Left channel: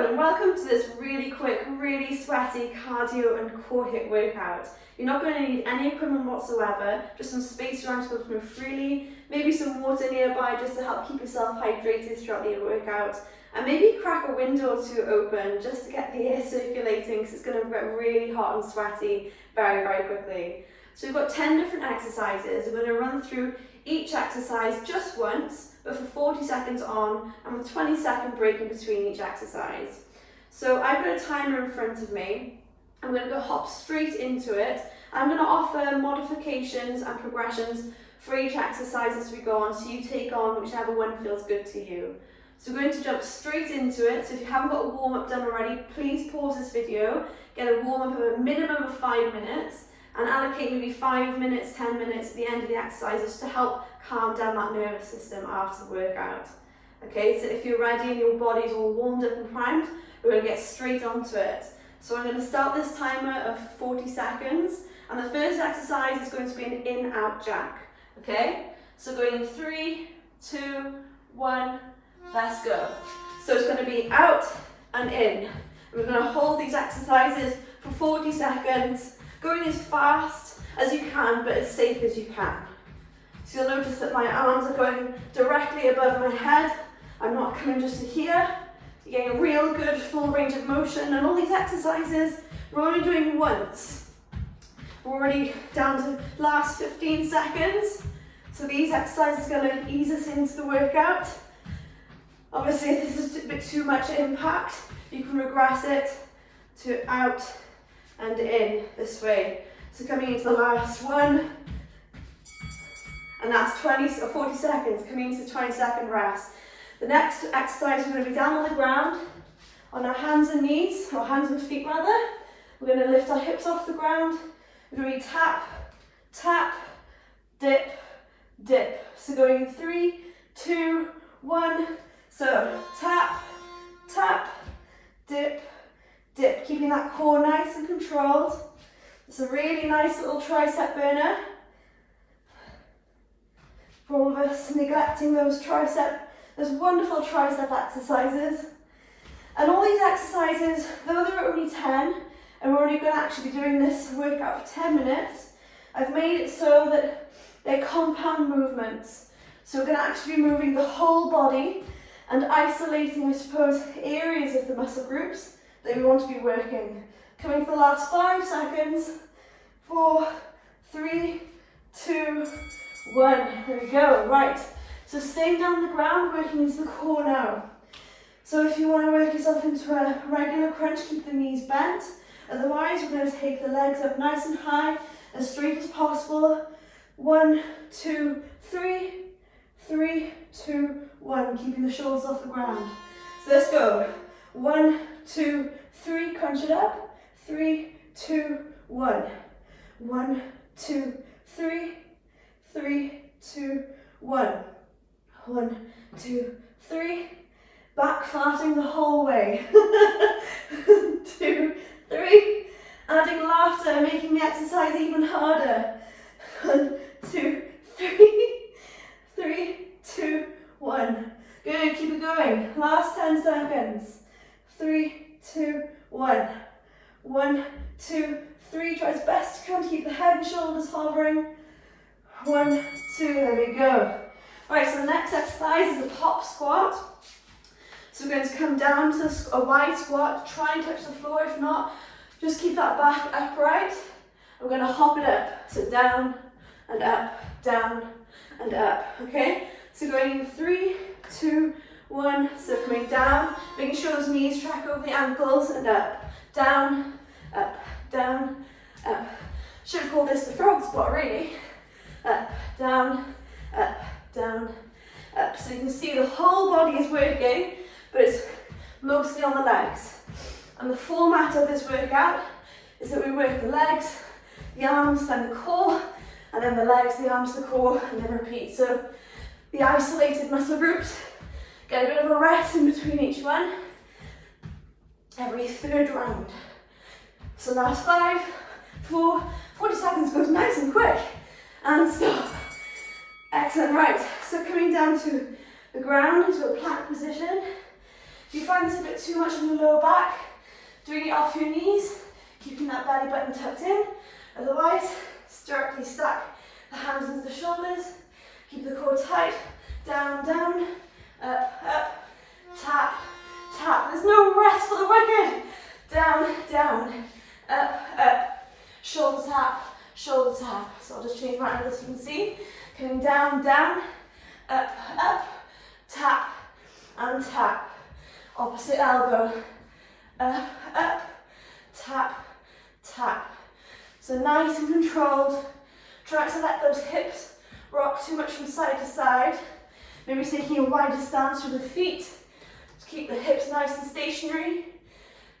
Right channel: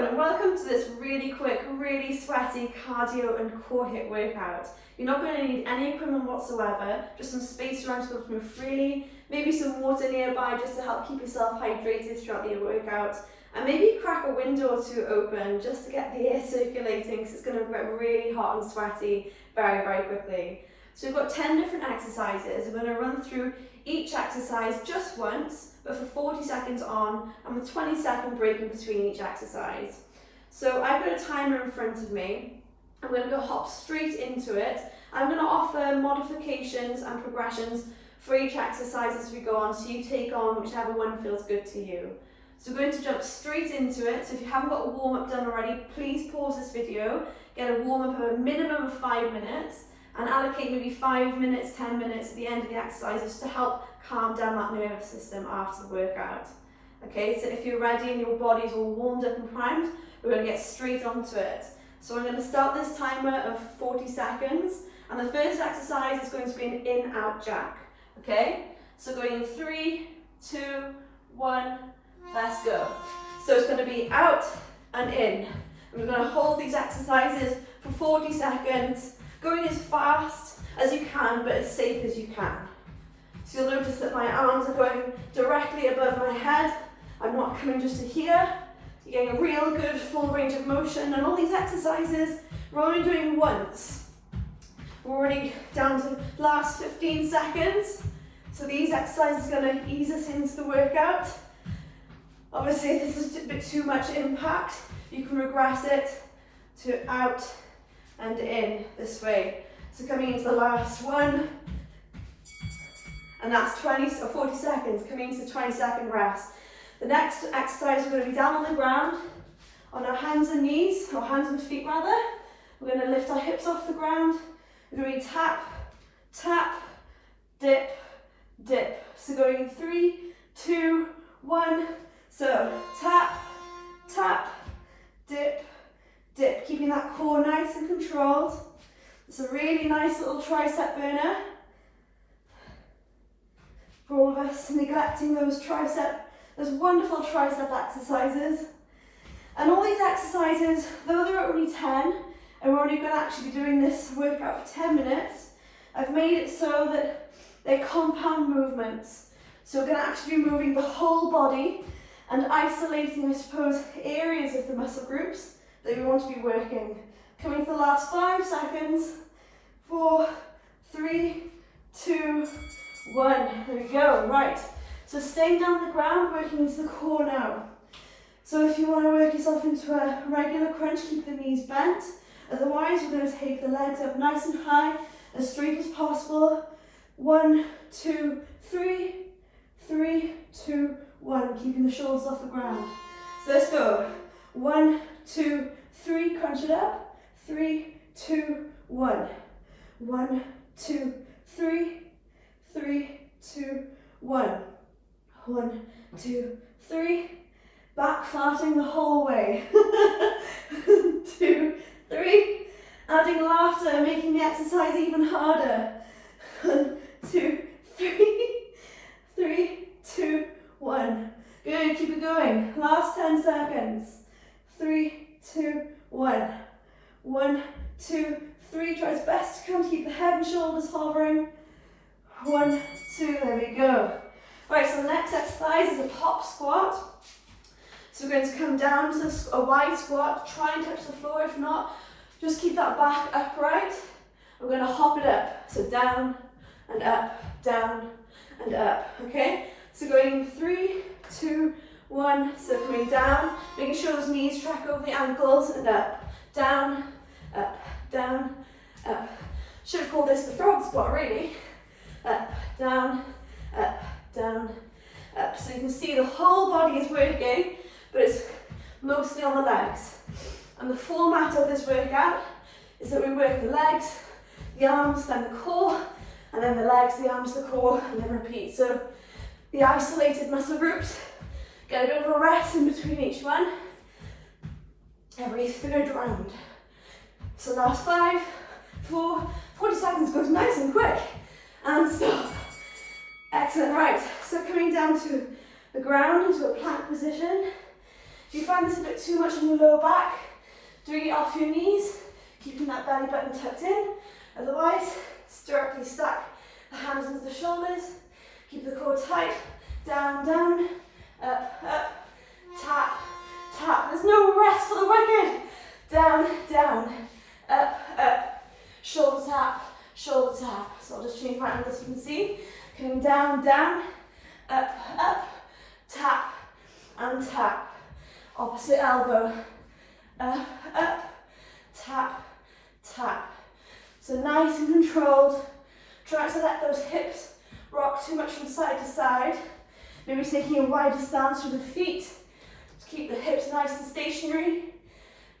everyone, and welcome to this really quick, really sweaty cardio and core HIIT workout. You're not going to need any equipment whatsoever, just some space around to move freely, maybe some water nearby just to help keep yourself hydrated throughout your workout, and maybe crack a window or two open just to get the air circulating because it's going to get really hot and sweaty very, very quickly. So we've got 10 different exercises. We're going to run through each exercise just once, but for 40 seconds on, and with 20-second break in between each exercise. So I've got a timer in front of me. I'm going to go hop straight into it. I'm going to offer modifications and progressions for each exercise as we go on, so you take on whichever one feels good to you. So we're going to jump straight into it. So if you haven't got a warm-up done already, please pause this video, get a warm-up of a minimum of 5 minutes, and allocate maybe 5 minutes, 10 minutes at the end of the exercises to help calm down that nervous system after the workout. Okay, so if you're ready and your body's all warmed up and primed, we're going to get straight onto it. So I'm going to start this timer of 40 seconds, and the first exercise is going to be an in-out jack. Okay, so going in 3, 2, 1, let's go. So it's going to be out and in. And we're going to hold these exercises for 40 seconds, going as fast as you can, but as safe as you can. So you'll notice that my arms are going directly above my head. I'm not coming just to here. You're getting a real good full range of motion, and all these exercises we're only doing once. We're already down to the last 15 seconds. So these exercises are going to ease us into the workout. Obviously, if this is a bit too much impact, you can regress it to out and in this way. So coming into the last one, and that's 20 or 40 seconds, coming into the 20-second rest. The next exercise, we're going to be down on the ground, on our hands and knees, or hands and feet rather. We're going to lift our hips off the ground. We're going to tap, tap, dip, dip. So going in 3, 2, 1. So tap, tap, dip, dip. Keeping that core nice and controlled. It's a really nice little tricep burner. For all of us neglecting those wonderful tricep exercises. And all these exercises, though they're only 10, and we're only going to actually be doing this workout for 10 minutes, I've made it so that they're compound movements. So we're going to actually be moving the whole body and isolating, I suppose, areas of the muscle groups that we want to be working. Coming for the last 5 seconds. 4, 3, 2, 1. There we go. Right. So staying down on the ground, working into the core now. So if you want to work yourself into a regular crunch, keep the knees bent. Otherwise, we're going to take the legs up nice and high, as straight as possible. 1, 2, 3, 3, 2, 1. Keeping the shoulders off the ground. So let's go. 1, 2, 3. Crunch it up. 3, 2, 1. 1, 2, 3. 3, 2, 1. 1, 2, 3. Back farting the whole way. 2, 3. Adding laughter, making the exercise even harder. 1, 2, 3. 3, 2, 1. Good, keep it going. Last 10 seconds. 3, 2, 1. 1, 2, 3. Try as best you can to keep the head and shoulders hovering. 1, 2, there we go. Right, so the next exercise is a pop squat. So we're going to come down to a wide squat, try and touch the floor. If not, just keep that back upright. We're going to hop it up. So down and up, down and up, okay? So going in 3, 2, 1, so coming down, making sure those knees track over the ankles, and up, down, up, down, up. Should have called this the frog squat, really. Up, down, up, down, up. So you can see the whole body is working, but it's mostly on the legs. And the format of this workout is that we work the legs, the arms, then the core, and then the legs, the arms, the core, and then repeat. So the isolated muscle groups get a bit of a rest in between each one, every third round. So last 5, 4, 40 seconds goes nice and quick. And stop. Excellent, right. So coming down to the ground into a plank position. If you find this a bit too much on the lower back, doing it off your knees, keeping that belly button tucked in. Otherwise, directly stack the hands into the shoulders, keep the core tight, down, down, up, up, tap, tap. There's no rest for the wicked. Down, down, up, up, shoulder tap, shoulder tap. So I'll just change my angle so you can see. Coming down, down, up, up, tap, and tap. Opposite elbow, up, up, tap, tap. So nice and controlled. Try not to let those hips rock too much from side to side. Maybe taking a wider stance with the feet. Just keep the hips nice and stationary.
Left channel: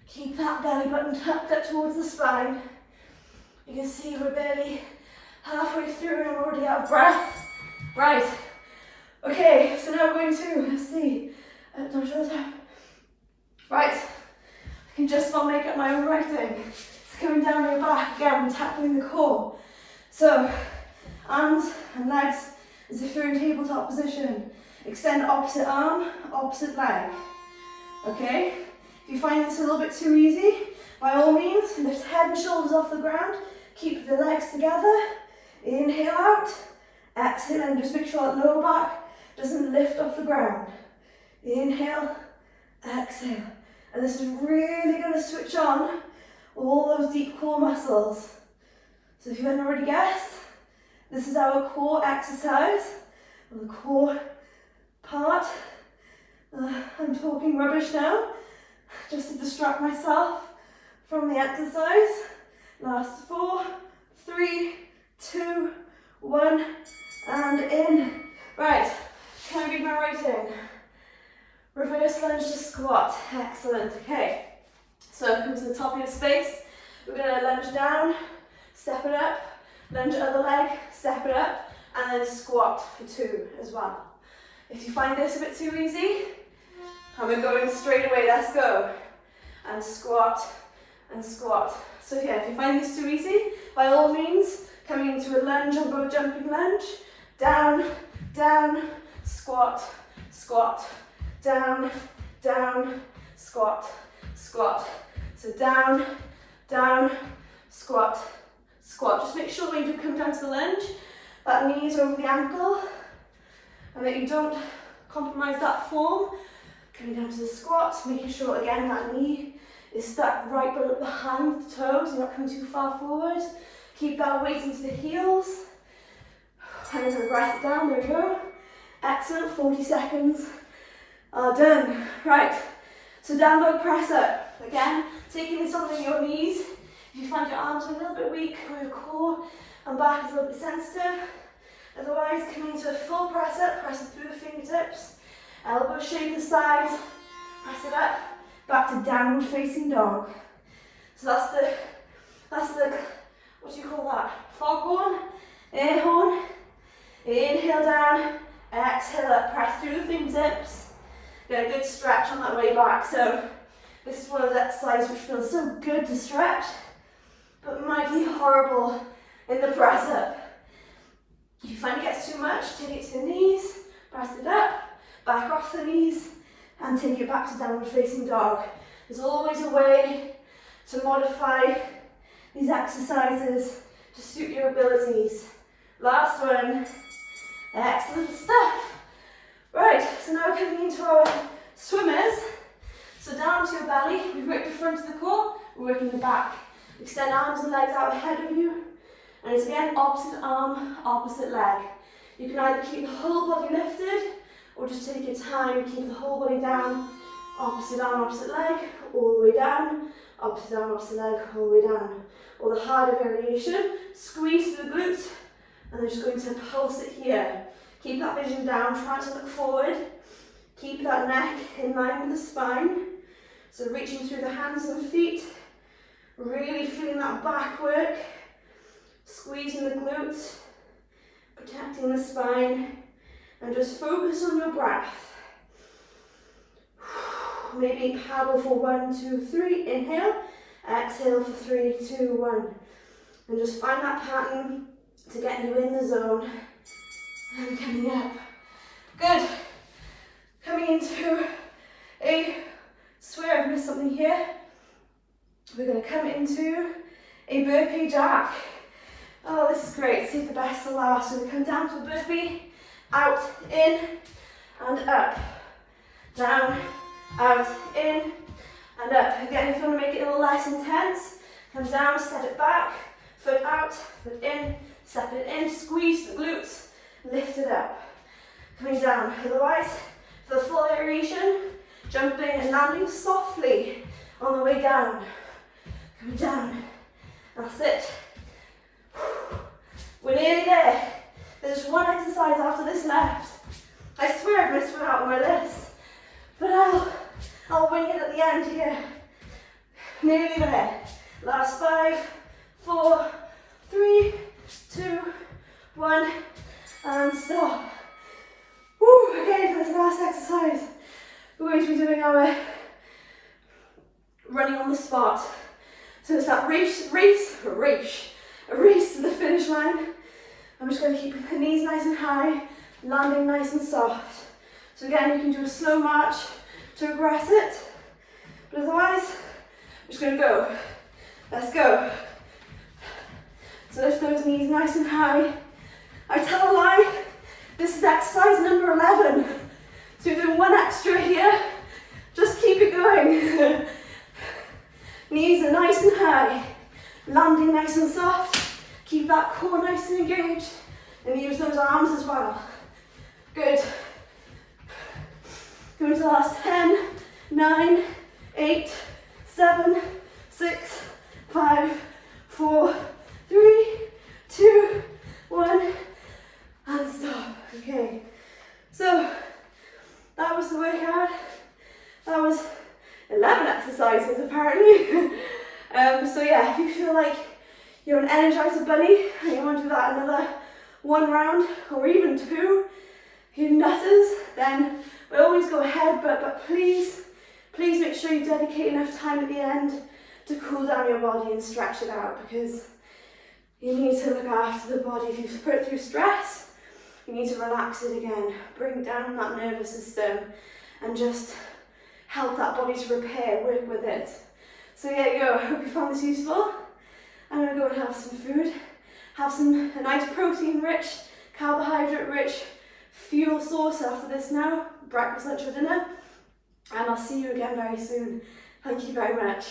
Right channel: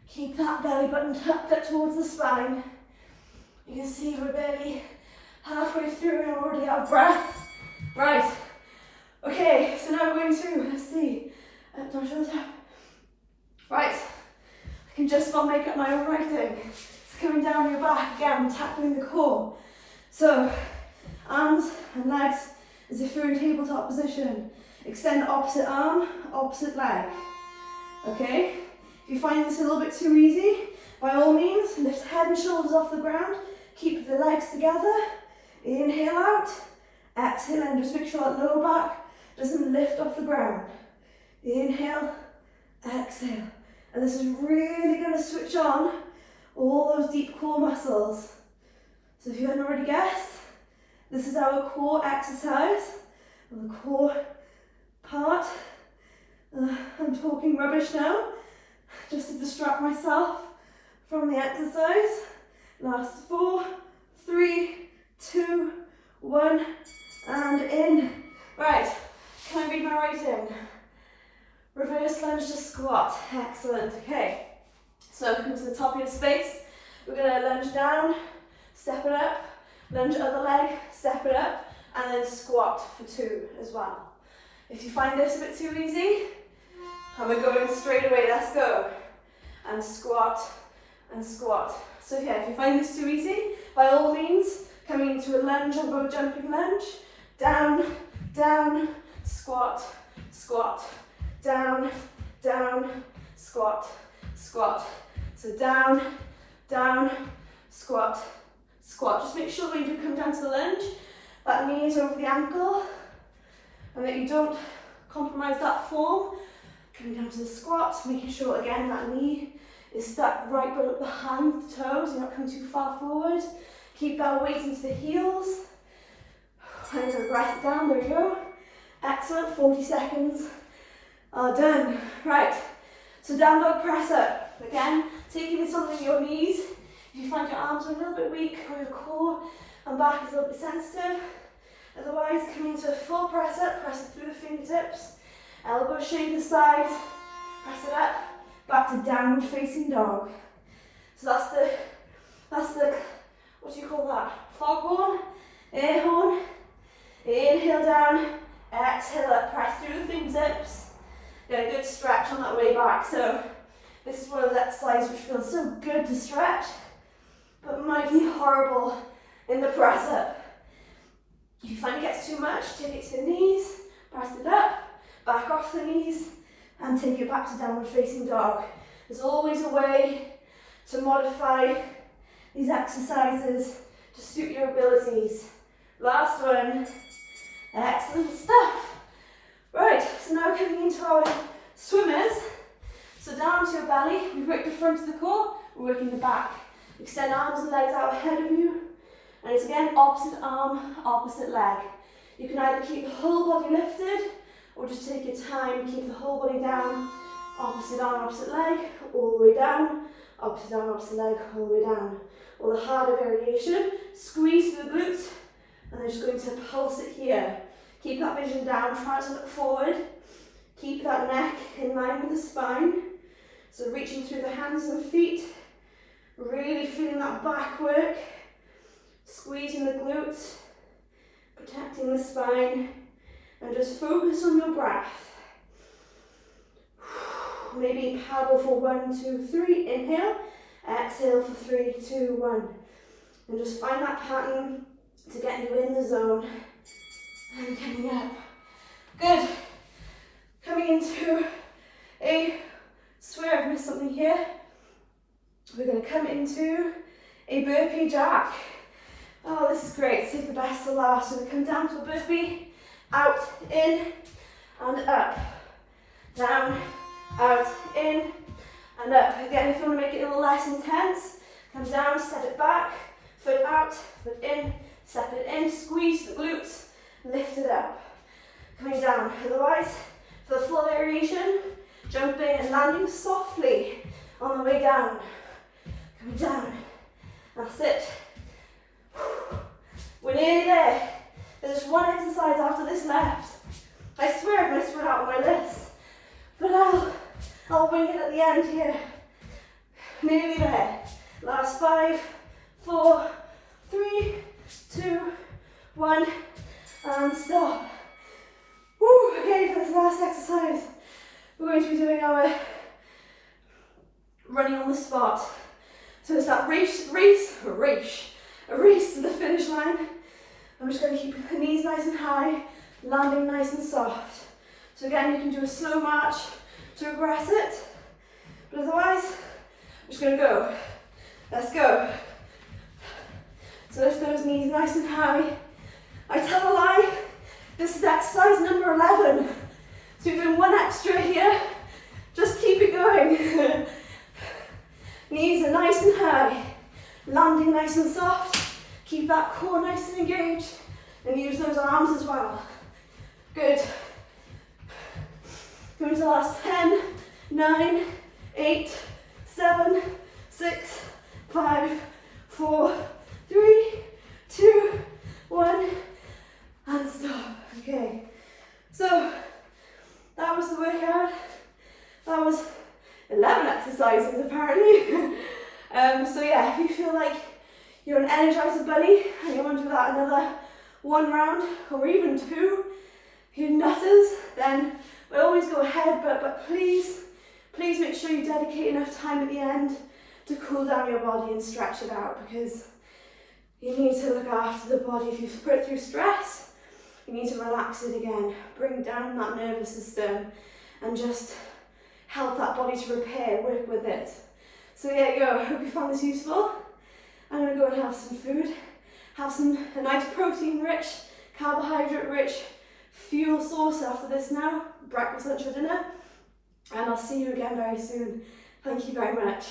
Keep that belly button tucked up towards the spine. You can see we're barely halfway through and I'm already out of breath. Right. Okay, so now we're going to, let's see, up, down, shoulder tap. Right. I can just about make up my own writing. It's coming down your back again, tackling the core. So, arms and legs as if you're in tabletop position. Extend opposite arm, opposite leg. Okay? If you find this a little bit too easy, by all means, lift head and shoulders off the ground. Keep the legs together. Inhale out. Exhale and just make sure that lower back doesn't lift off the ground. Inhale, exhale. And this is really going to switch on all those deep core muscles. So if you hadn't already guessed, this is our core exercise, the core part. I'm talking rubbish now, just to distract myself from the exercise. Last 4, 3, 2, 1, and in. Right, can I read my writing? Reverse lunge to squat. Excellent. Okay, so come to the top of your space. We're going to lunge down, step it up, lunge other leg, step it up, and then squat for 2 as well. If you find this a bit too easy, and we're going straight away, let's go. And squat, and squat. So yeah, if you find this too easy, by all means, coming into a lunge or a jumping lunge, down, down, squat, squat, down, down, squat, squat. So down, down, squat, squat. Just make sure when you do come down to the lunge, that knee is over the ankle, and that you don't compromise that form. Coming down to the squat, making sure again that knee is stuck right behind the toes, you're not coming too far forward. Keep that weight into the heels. I'm going to press it down, there we go. Excellent, 40 seconds are done. Right, so down dog press up. Again, taking this on your knees. If you find your arms are a little bit weak or your core and back is a little bit sensitive. Otherwise, coming into a full press up, press it through the fingertips. Elbows shave the sides, press it up, back to downward facing dog. So that's the, what do you call that? Foghorn, air horn. Inhale down, exhale up, press through the fingertips. Get a good stretch on that way back. So this is one of those exercises which feels so good to stretch, but might be horrible in the press up. If you find it gets too much, take it to the knees, press it up, back off the knees, and take it back to downward facing dog. There's always a way to modify these exercises to suit your abilities. Last one. Excellent stuff. Right, so now coming into our swimmers. So down to your belly, we've worked the front of the core, we're working the back. Extend arms and legs out ahead of you. And it's again opposite arm, opposite leg. You can either keep the whole body lifted, or just take your time, keep the whole body down, opposite arm, opposite leg, all the way down, opposite arm, opposite leg, all the way down. Or the harder variation, squeeze through the glutes, and then just going to pulse it here. Keep that vision down, try to look forward. Keep that neck in line with the spine. So reaching through the hands and feet, really feeling that back work, squeezing the glutes, protecting the spine, and just focus on your breath. Maybe paddle for 1, 2, 3, inhale, exhale for 3, 2, 1. And just find that pattern to get you in the zone. And coming up. Good. Coming into a practice something here. We're going to come into a burpee jack. Oh, this is great. Save the best for last. So we come down to the burpee, out, in, and up. Down, out, in, and up. Again, if you want to make it a little less intense, come down, step it back, foot out, foot in, step it in, squeeze the glutes, lift it up. Coming down. Otherwise, for the full variation, jumping and landing softly on the way down. Coming down. That's it. We're nearly there. There's just one exercise after this left. I swear I've missed one out on my list. But I'll wing it at the end here. Nearly there. Last 5, 4, 3, 2, 1, and stop. Woo, okay, for this last exercise, we're going to be doing our running on the spot. So it's that race to the finish line. I'm just going to keep the knees nice and high, landing nice and soft. So again, you can do a slow march to progress it, but otherwise, I'm just going to go. Let's go. So lift those knees nice and high. I tell a lie, this is exercise number 11. So you're doing one extra here. Just keep it going. Knees are nice and high, landing nice and soft. Keep that core nice and engaged, and use those arms as well. Good. Going to the last 10, 9, 8, 7, 6, 5, 4, 3, 2, 1, and stop. Okay, so that was the workout. That was 11 exercises apparently. So yeah, if you feel like you're an Energizer bunny and you want to do that another 1 round or even 2, you nutters, then by all means go ahead, but please make sure you dedicate enough time at the end to cool down your body and stretch it out, because you need to look after the body. If you've put it through stress, you need to relax it again, bring down that nervous system and just help that body to repair, work with it. So there you go, I hope you found this useful. I'm going to go and have some food, have a nice protein-rich, carbohydrate-rich fuel source after this now, breakfast, lunch or dinner, and I'll see you again very soon. Thank you very much.